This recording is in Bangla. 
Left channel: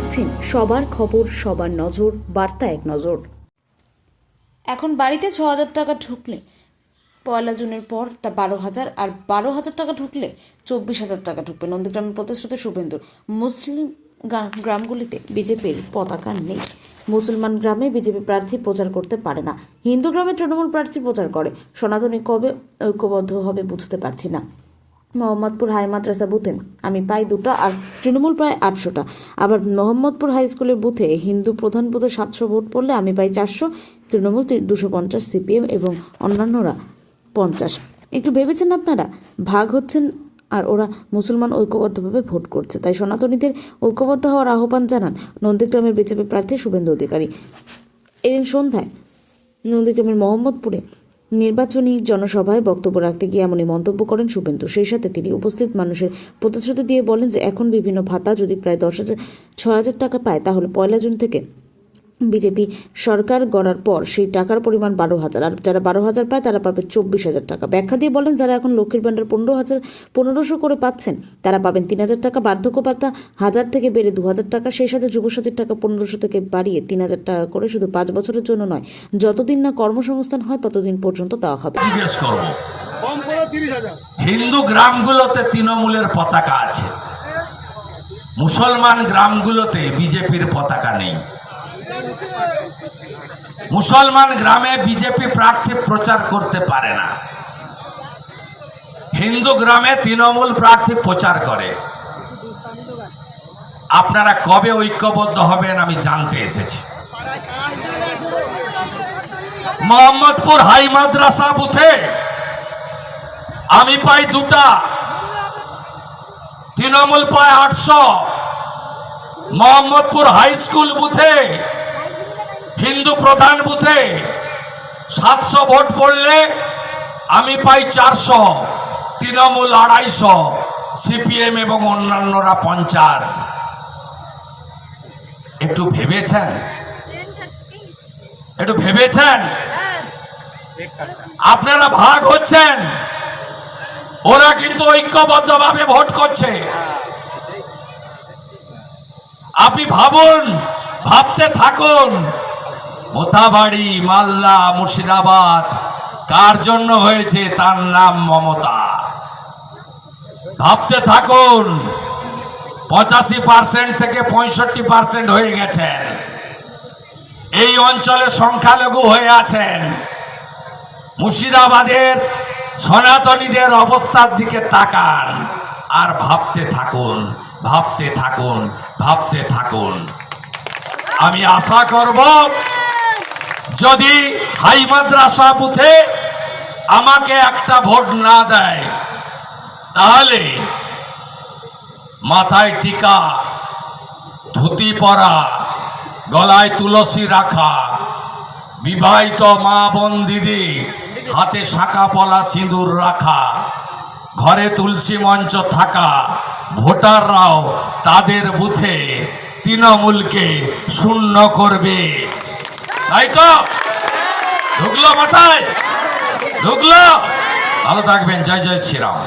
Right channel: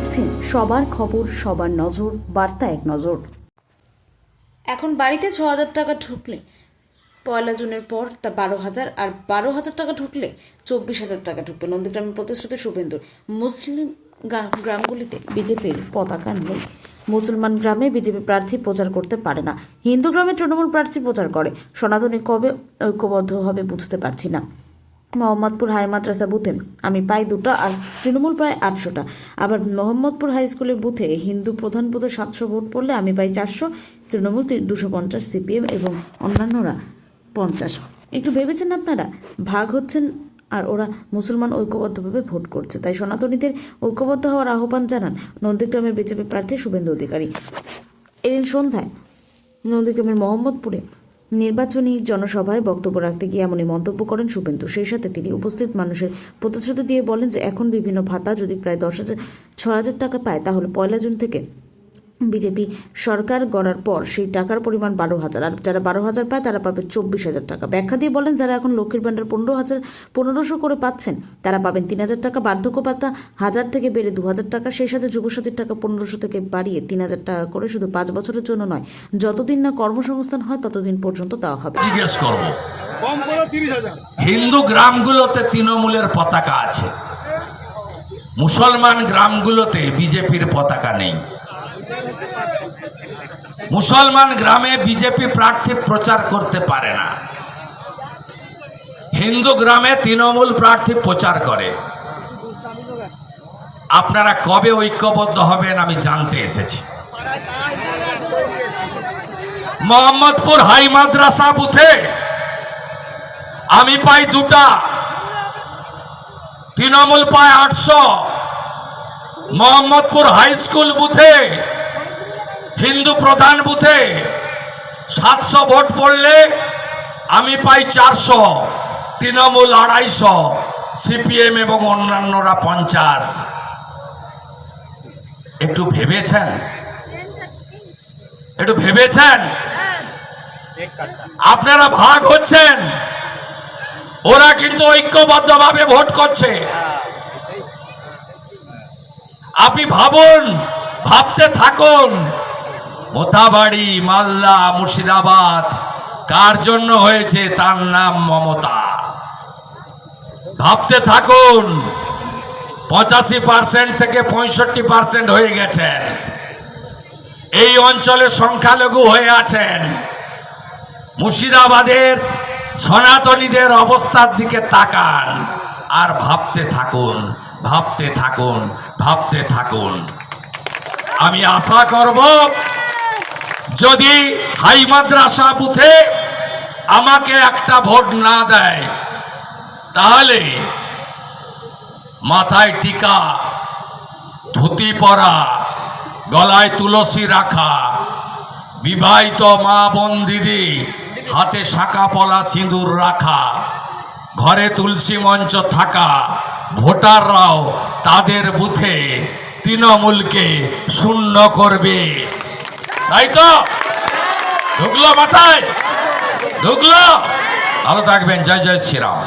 দেখছেন সবার খবর, সবার নজর, বার্তা এক নজর। এখন বাড়িতে ৬,০০০ টাকা ঢুকলে ১ জুনের পর তা ১২,০০০, আর ১২,০০০ টাকা ঢুকলে ২৪,০০০ টাকা ঢুকবে। নন্দীগ্রামের প্রতিশ্রুতি শুভেন্দুর। মুসলিম গ্রামগুলিতে বিজেপির পতাকা নেই। মুসলমান গ্রামে বিজেপি প্রার্থী প্রচার করতে পারে না, হিন্দু গ্রামে তৃণমূল প্রার্থী প্রচার করে। সনাতনী কবে ঐক্যবদ্ধ হবে বুঝতে পারছি না। মোহাম্মদপুর হাই মাদ্রাসা বুথে আমি পাই 2টা আর তৃণমূল প্রায় 800টা। আবার মোহাম্মদপুর হাই স্কুলের বুথে হিন্দু প্রধান বুথে 700 ভোট পড়লে আমি পাই 400, তৃণমূল 250, সিপিএম এবং অন্যান্যরা 50। একটু ভেবেছেন আপনারা? ভাগ হচ্ছেন আর ওরা মুসলমান ঐক্যবদ্ধভাবে ভোট করছে। তাই সনাতনীদের ঐক্যবদ্ধ হওয়ার আহ্বান জানান নন্দীগ্রামের বিজেপি প্রার্থী শুভেন্দু অধিকারী। এদিন সন্ধ্যায় নন্দীগ্রামের মোহাম্মদপুরে নির্বাচনী জনসভায় বক্তব্য রাখতে গিয়ে এমনই মন্তব্য করেন শুভেন্দু। সেই সাথে তিনি উপস্থিত মানুষের প্রতিশ্রুতি দিয়ে বলেন যে এখন বিভিন্ন ভাতা যদি প্রায় 6,000 টাকা পায়, তাহলে 1 জুন থেকে বিজেপি সরকার গড়ার পর সেই টাকার পরিমাণ 12,000, আর যারা 12,000 পায় তারা পাবে 24,000 টাকা। ব্যাখ্যা দিয়ে বলেন, যারা এখন লক্ষ্মীর ভাণ্ডার 15,000 করে পাচ্ছেন তারা পাবেন 3,000 টাকা, বার্ধক্য ভাতা 1,000 থেকে বেড়ে 2,000 টাকা, সেই সাথে যুবসাথীর টাকা 1,500 থেকে বাড়িয়ে 3,000 টাকা করে শুধু 5 বছরের জন্য নয়, যতদিন না কর্মসংস্থান হয় ততদিন পর্যন্ত দেওয়া হবে। জিজ্ঞেস করব, হিন্দু গ্রামগুলোতে তৃণমূলের পতাকা আছে, মুসলমান গ্রামগুলোতে বিজেপির পতাকা নেই। মুসলমান গ্রামে বিজেপি প্রার্থী প্রচার করতে পারে না, হিন্দু গ্রামে তৃণমূল প্রার্থী প্রচার করে। আপনারা কবে ঐক্যবদ্ধ হবেন আমি জানতে এসেছি। মোহাম্মদপুর হাই মাদ্রাসা বুথে আমি পাই 2টা, তৃণমূল পায় 800। মোহাম্মদপুর হাই স্কুল বুথে হিন্দু প্রধান বুথে 700 ভোট পড়লে আমি পাই 400, তৃণমূল 250, সিপিএম এবং অন্যান্যরা 50। একটু ভেবেছেন? একটু ভেবেছেন? আপনারা ভাগ হচ্ছেন, ওরা কিন্তু ঐক্যবদ্ধভাবে ভোট করছে। আপনি ভাবুন, ভাবতে থাকুন, মোথাবাড়ি, মালদা, মুর্শিদাবাদ কার জন্য হয়েছে? তার নাম মমতা। ভাবতে থাকুন, 85% থেকে 65% হয়ে গেছেন। এই অঞ্চলে সংখ্যালঘু হয়ে আছেন। মুর্শিদাবাদের সনাতনীদের অবস্থার দিকে তাকান আর ভাবতে থাকুন, ভাবতে থাকুন, ভাবতে থাকুন। আমি আশা করব, যদি হাই মাদ্রাসা বুথে আমাকে একটা ভোট না দেয়, তাহলে মাথায় টিকা, ধুতি পরা, গলায় তুলসী রাখা, বিবাহিত মা বোন দিদি হাতে শাঁখা পলা সিঁদুর রাখা, ঘরে তুলসী মঞ্চ থাকা ভোটাররাও তাদের বুথে তৃণমূলকে শূন্য করবে। তাই তো? ঢুকলো মাথায়? ঢুকলো? ভালো থাকবেন। জয় জয় শ্রীরাম।